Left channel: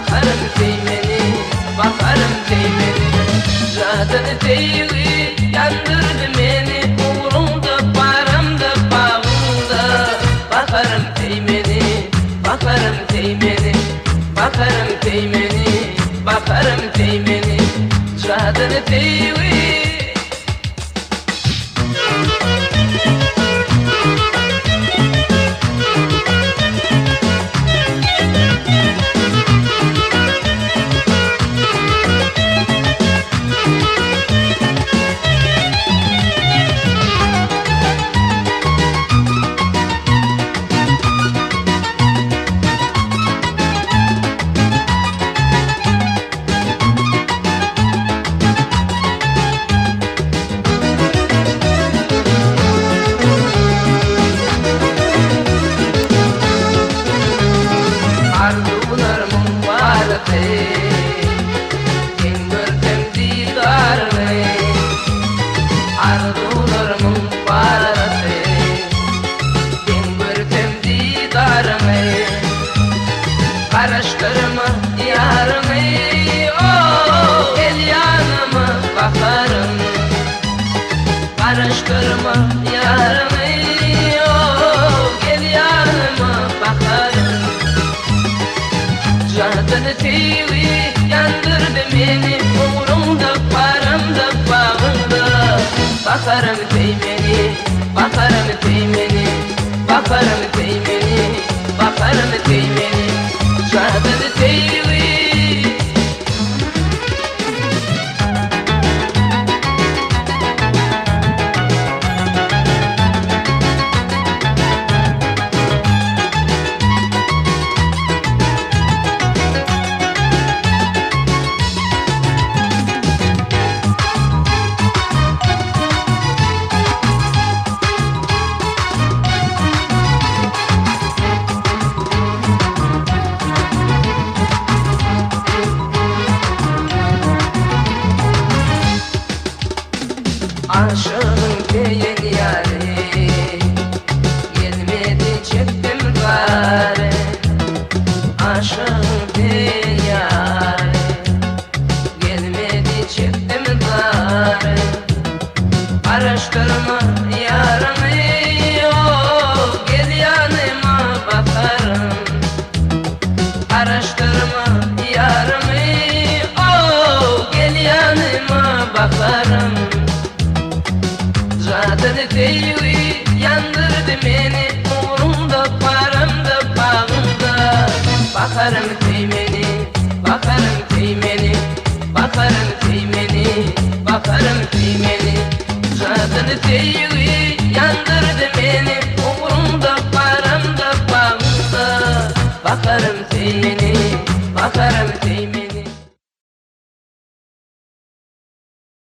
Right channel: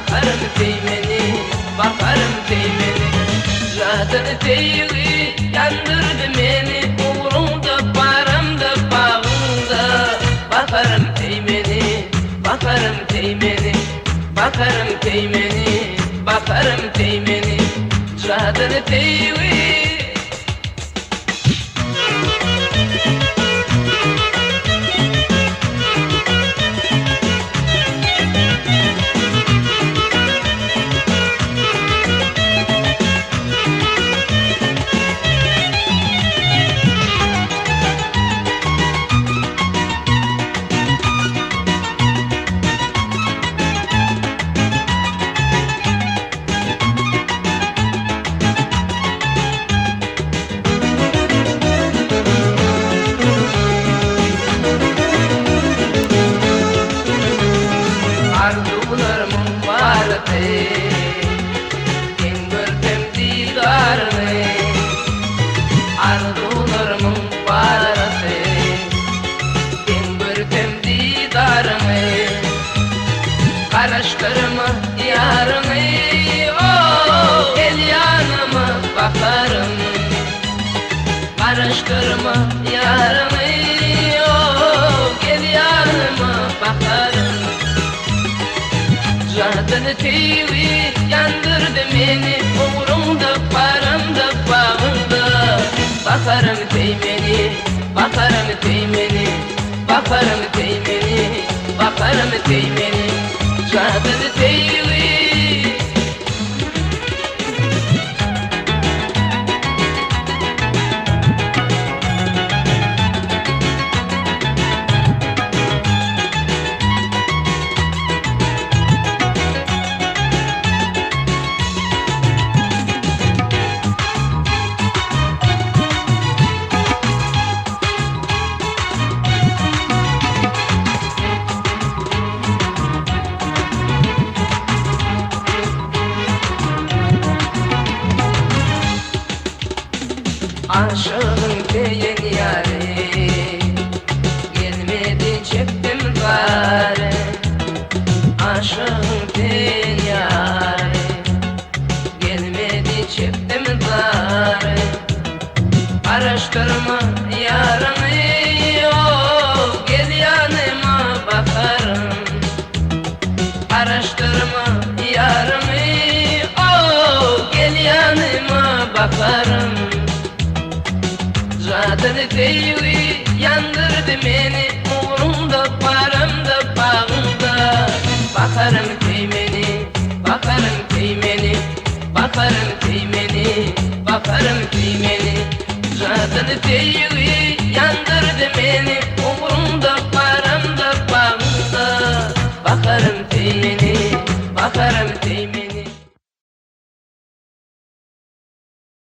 bakarım kıymeni, bakarım kıymeni. Zaten kıyvi yandırdı beni, uğrumda, paramda, bağımda. Bakarım kıymeni, bakarım kıymeni, bakarım kıymeni, bakarım kıymeni. Zaten kıyvi. Arzular mübarek, indirdim didarını. Arzular mübarek, indirdim didarını. Karıştırma yarımı, oh, gel yanıma bakarım. Karıştırma yarımı, oh, gel yanıma bakarım. Zaten kıyvi yandırdı beni, umurumda, paramda, bağımda. Bakarım kıymeni, bakarım kıymeni, bakarım kıymeni, bakarım kıymeni. Zaten kıyvi. Aşığım değil yâri, gelmedi çıktım bari. Aşığım değil yâri, gelmedi çıktım bari. Araştırma yarımı, oh, gel yanıma bakarım. Araştırma yarımı, oh, gel yanıma bakarım. Zaten kıyvi yandırdı beni, umurumda, paramda, bağımda. Bakarım kıymeni, bakarım kıymeni, bakarım kıymeni, bakarım kıymeni. Zaten kıyvi yandırdı beni, umurumda, paramda, bağımda. Bakarım kıymeni, bakarım kıymeni.